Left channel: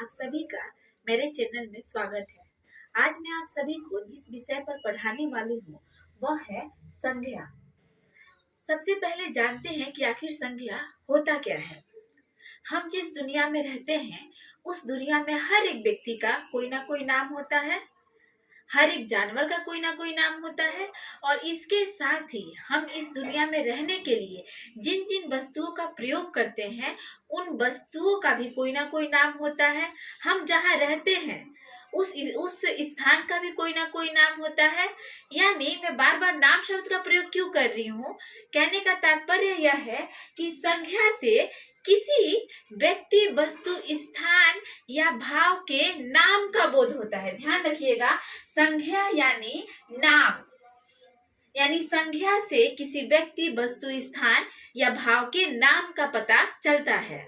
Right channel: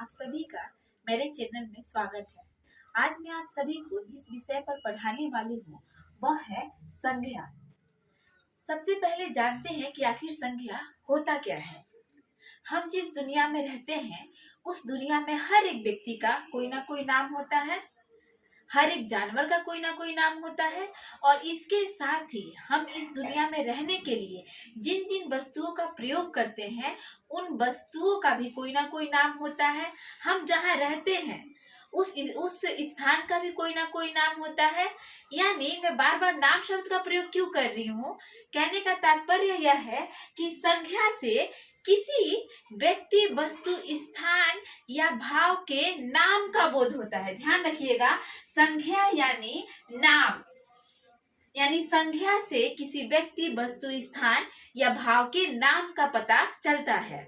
आप सभी का मेरे चैनल में स्वागत है। आज मैं आप सभी को जिस विषय पर पढ़ाने वाली हूँ वह है संज्ञा। सबसे पहले जानते हैं कि आखिर संज्ञा होता क्या है। हम जिस दुनिया में रहते हैं उस दुनिया में हर एक व्यक्ति का कोई ना कोई नाम होता है, हर एक जानवर का कोई ना कोई नाम होता है और इसके साथ ही हम इस दुनिया में रहने के लिए जिन जिन वस्तुओं का प्रयोग करते हैं उन वस्तुओं का भी कोई ना कोई नाम होता है। हम जहाँ रहते हैं उस स्थान का भी कोई ना कोई नाम होता है। यानी मैं बार बार नाम शब्द का प्रयोग क्यों कर रही हूँ, कहने का तात्पर्य यह है कि संज्ञा से किसी व्यक्ति, वस्तु, स्थान या भाव के नाम का बोध होता है। ध्यान रखिएगा, संज्ञा यानी नाम, यानी संज्ञा से किसी व्यक्ति, वस्तु, स्थान या भाव के नाम का पता चलता है।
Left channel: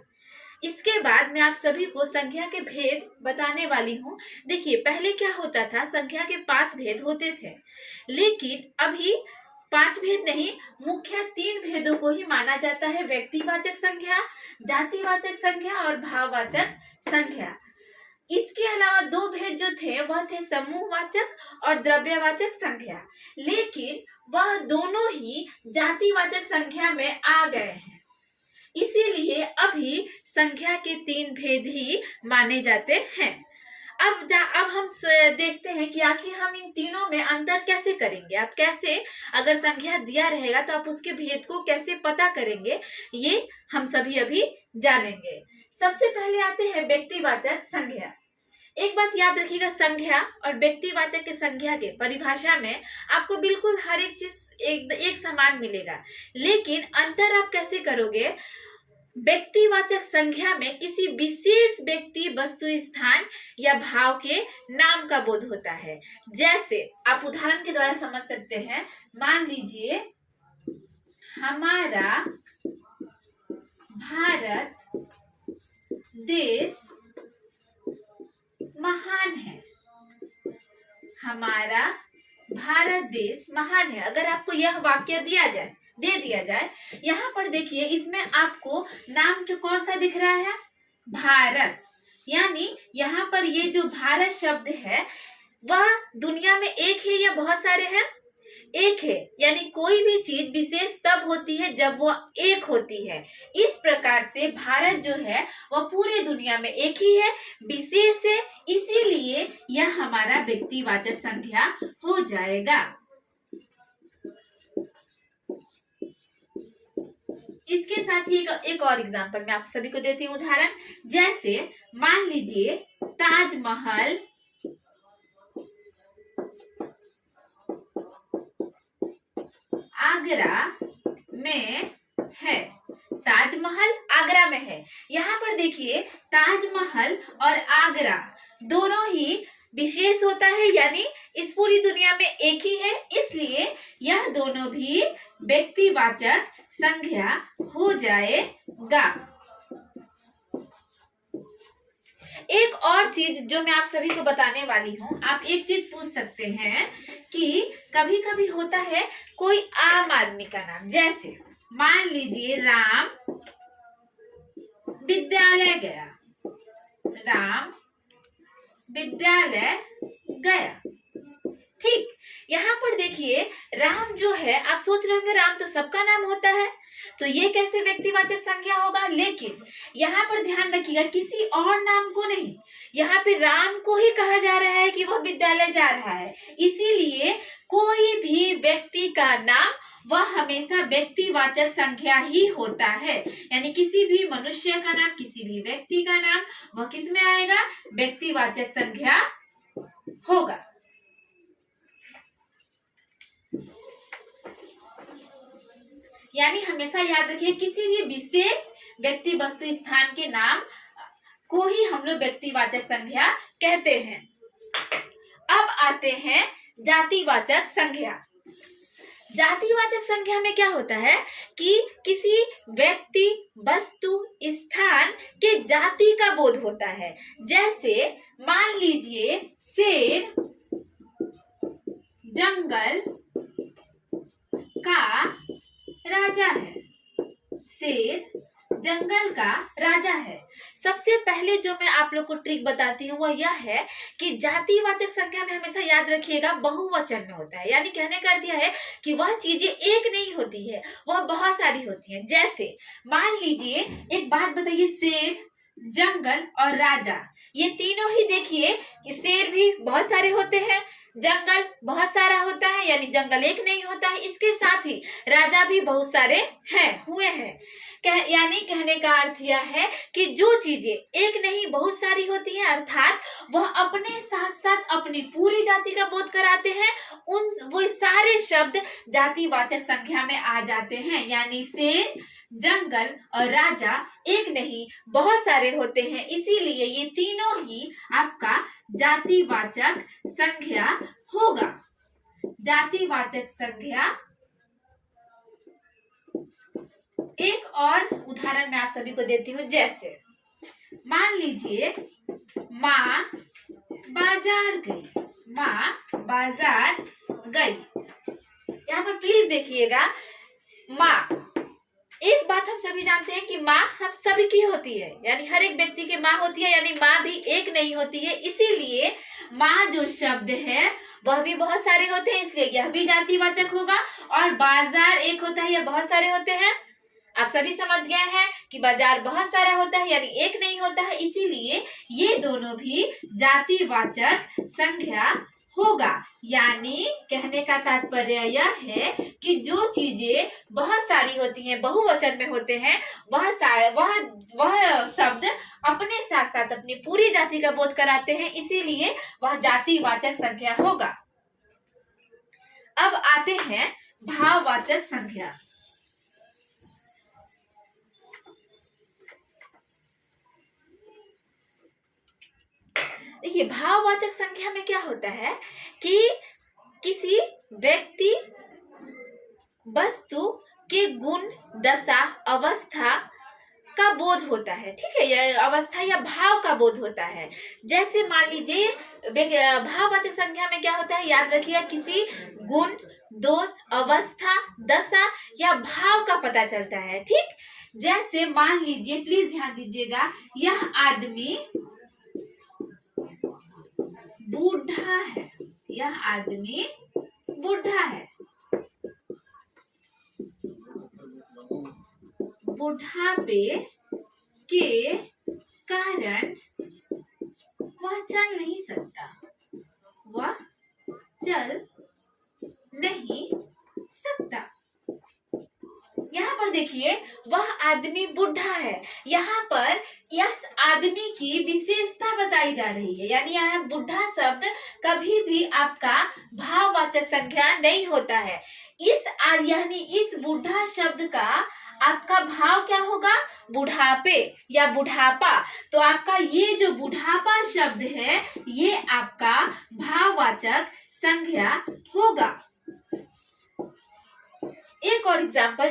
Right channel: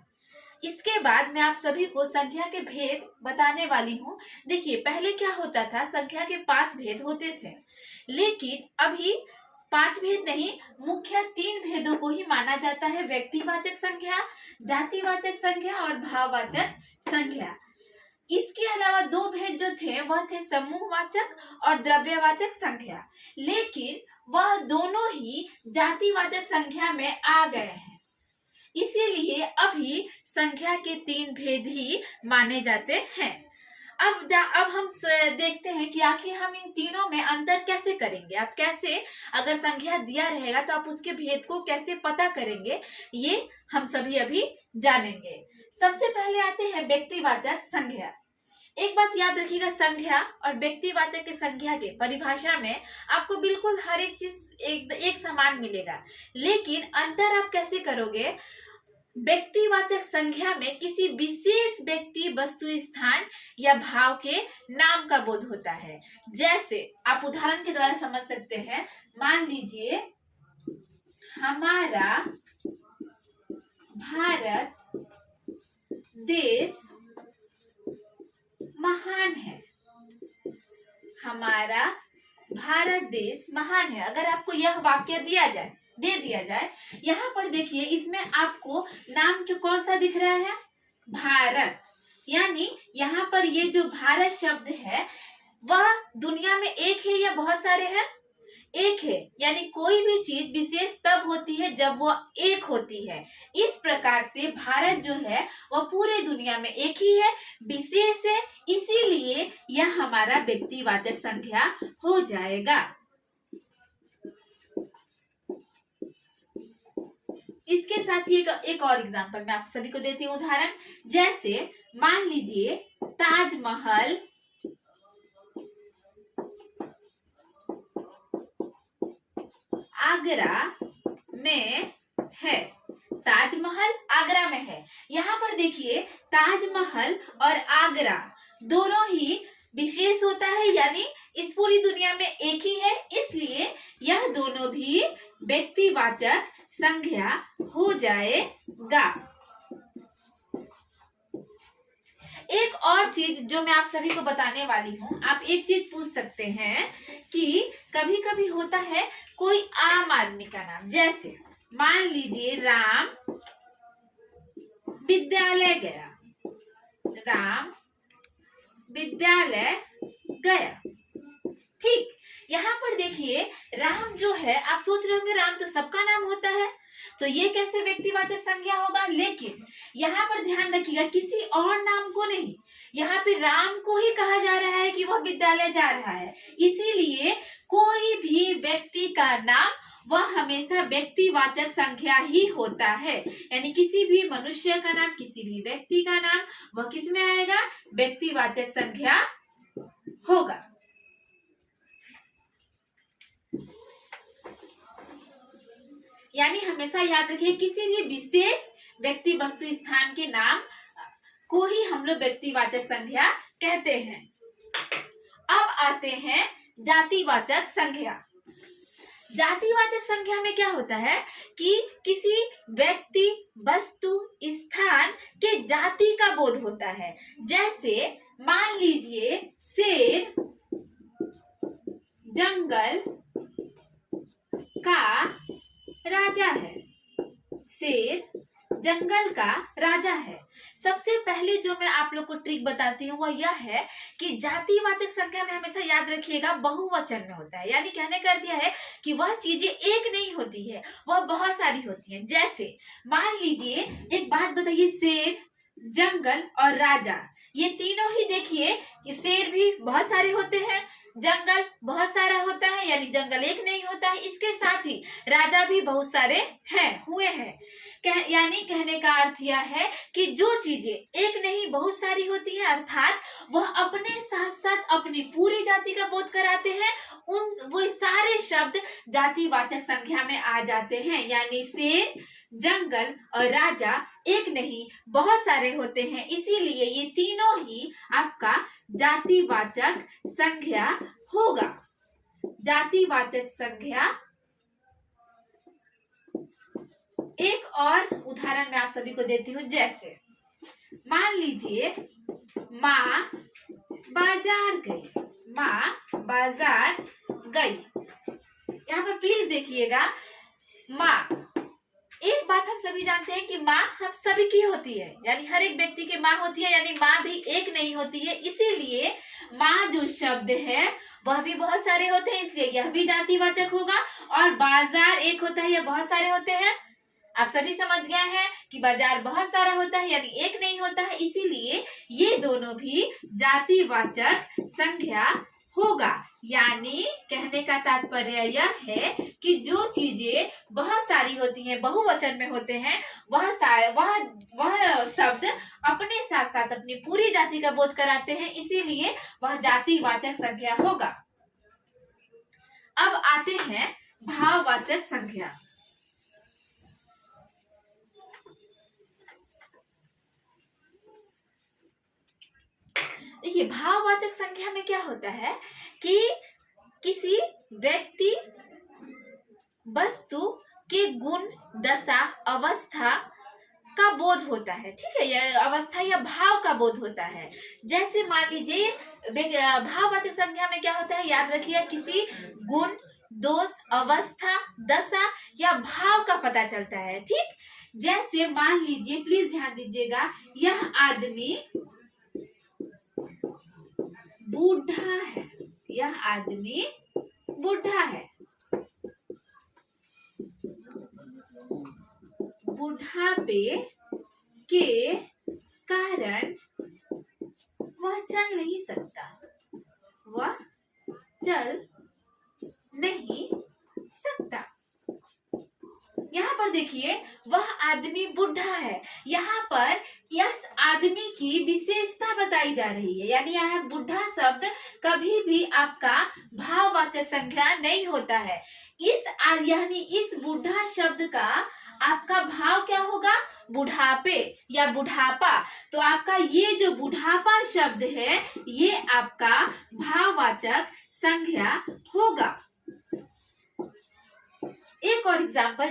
इसके बाद मैं आप सभी को संज्ञा के भेद बताने वाली हूँ। देखिए, पहले क्या होता था, संज्ञा के 5 भेद होते थे, लेकिन अभी 5 भेद नहीं, मुख्य 3 भेदों को ही माना जाता है। व्यक्तिवाचक संज्ञा, जातिवाचक संज्ञा और भाववाचक संज्ञा। इसके अलावा 2 भेद जो थे वह थे समूहवाचक और द्रव्यवाचक संज्ञा, लेकिन वह दोनों ही जातिवाचक संज्ञा में आ गए हैं। इसीलिए अभी संज्ञा के 3 भेद ही माने जाते हैं। अब हम देखते हैं कि आखिर हम इन तीनों में अंतर कैसे करेंगे। आप कैसे, अगर संज्ञा दिया रहेगा तो आप उसके भेद को कैसे पता करेंगे, ये हम सभी अभी जानेंगे। सबसे पहले आते हैं व्यक्तिवाचक संज्ञा। एक बात याद रखिएगा, संज्ञा और व्यक्तिवाचक के संज्ञा के परिभाषा में आपको बिल्कुल हर एक चीज एक समान मिलेगा, लेकिन अंतर आप कैसे करोगे। व्यक्तिवाचक संज्ञा में किसी विशेष व्यक्ति, वस्तु, स्थान या भाव के नाम का बोध होता है। जैसे आप उदाहरण के द्वारा समझ सकते हैं। मान लीजिए, हमारा भारत देश महान है। हमारा भारत देश महान है। अगर आपको यह वाक्य दे दिया जाए, यहाँ पर देखिए, इसमें आपको नाम जो कौन सा दिख रहा है, भारत। यानी यहाँ पर ये जो भारत शब्द है वह दुनिया में एक है या बहुत सारे हैं, एक है। यानी कोई भी चीज विशेष तब होती है जब वो एक होती है। इस प्रकार से भारत जो है वह पूरे दुनिया में एक ही है, विशेष है, इसीलिए यह हमारा व्यक्तिवाचक संज्ञा हो जाएगा। इसके साथ ही एक और एग्जांपल मैं आप सभी को देती हूँ उदाहरण। जैसे मान लीजिए, ताजमहल आगरा में है। ताजमहल आगरा में है। यहाँ पर देखिए, ताजमहल और आगरा दोनों ही विशेष होता है, यानी इस पूरी दुनिया में एक ही है, इसलिए यह दोनों भी व्यक्तिवाचक संज्ञा हो जाएगा। एक और चीज जो मैं आप सभी को बताने वाली हूँ, आप एक चीज पूछ सकते हैं कि कभी कभी होता है कोई आम आदमी का नाम। जैसे मान लीजिए, राम विद्यालय गया। राम विद्यालय गया, ठीक। यहाँ पर देखिए, राम जो है, आप सोच रहे होंगे राम तो सबका नाम होता है, तो ये कैसे व्यक्तिवाचक संज्ञा होगा। लेकिन यहाँ पर ध्यान रखिएगा, किसी और नाम को नहीं, यहाँ पे राम को ही कहा जा रहा है कि वह विद्यालय जा रहा है, इसीलिए कोई भी व्यक्ति का नाम वह हमेशा व्यक्तिवाचक संज्ञा ही होता है। यानी किसी भी मनुष्य का नाम, किसी भी व्यक्ति का नाम, वह किस में आएगा, व्यक्तिवाचक संज्ञा होगा। यानी हमेशा याद रखिए, किसी भी विशेष व्यक्ति, वस्तु, स्थान के नाम को ही हम लोग व्यक्तिवाचक संज्ञा कहते हैं। अब आते हैं जातिवाचक संज्ञा। जातिवाचक संज्ञा में क्या होता है कि किसी व्यक्ति, वस्तु, स्थान के जाति का बोध होता है। जैसे मान लीजिए, शेर जंगल का राजा है। शेर जंगल का राजा है। सबसे पहले जो मैं आप लोग को ट्रिक बताती हूँ वह यह है कि जातिवाचक संख्या में हमेशा याद रखिएगा बहुवचन में होता है, यानी कहने का अर्थ यह है कि वह चीजें एक नहीं होती है, वह बहुत सारी होती हैं। जैसे मान लीजिए, एक बात बताइए, शेर, जंगल और राजा, ये तीनों ही देखिए, शेर भी बहुत सारे होते हैं, जंगल बहुत सारा होता है, यानी जंगल एक नहीं होता है, इसके साथ ही राजा भी बहुत सारे हुए हैं। यानी कहने का अर्थ यह है कि जो चीजें एक नहीं बहुत सारी होती है, अर्थात वह अपने साथ साथ अपनी पूरी जाति का बोध कराते हैं, वो सारे शब्द जातिवाचक संख्या में आ जाते हैं। यानी शेर, जंगल और राजा एक नहीं बहुत सारे होते हैं, इसीलिए ये तीनों ही आपका जातिवाचक संख्या होगा। जातिवाचक संख्या। एक और उदाहरण मैं आप सभी को देती हूँ। जैसे मान लीजिए, माँ बाजार गई, माँ बाजार गई। यहाँ पर प्लीज देखिएगा, माँ, एक बात हम सभी जानते हैं कि माँ हम सभी की होती है, यानी हर एक व्यक्ति की माँ होती है, यानी माँ भी एक नहीं होती है, इसीलिए माँ जो शब्द है वह भी बहुत सारे होते हैं, इसलिए यह भी जातिवाचक होगा। और बाजार एक होता है या बहुत सारे होते हैं, आप सभी समझ गए हैं कि बाजार बहुत सारा होता है, यानी एक नहीं होता है, इसीलिए ये दोनों भी जातिवाचक संख्या होगा। यानी कहने का तात्पर्य यह है कि जो चीजें बहुत सारी होती हैं, बहुवचन में होते हैं, वह शब्द अपने साथ साथ अपनी पूरी जाति का बोध कराते हैं, इसीलिए वह जातिवाचक संख्या होगा। अब आते हैं भाववाचक संख्या। देखिए, भाववाचक संख्या में क्या होता है कि किसी व्यक्ति, वस्तु के गुण, दशा, अवस्था का बोध होता है। ठीक है, यह अवस्था या भाव का बोध होता है। जैसे मान लीजिए, भाववाचक संख्या में क्या होता है, याद रखिएगा, किसी गुण, दोष, अवस्था, दशा या भाव का पता चलता है। ठीक, जैसे मान लीजिए, प्लीज ध्यान दीजिएगा, यह आदमी बूढ़ा है, यह आदमी बूढ़ा है। बुढ़ापे के कारण वह चल नहीं सकता, वह चल नहीं सकता। यहाँ पर देखिए, वह आदमी बूढ़ा है, यहाँ पर इस आदमी की विशेषता बताई जा रही है, यानी यहाँ बूढ़ा शब्द कभी भी आपका भाववाचक संख्या नहीं होता है। यानी इस बूढ़ा शब्द का आपका भाव क्या होगा, बुढ़ापे या बुढ़ापा। तो आपका ये जो बुढ़ापा शब्द है, ये आपका भाववाचक संख्या होगा। एक और एग्जाम्पल,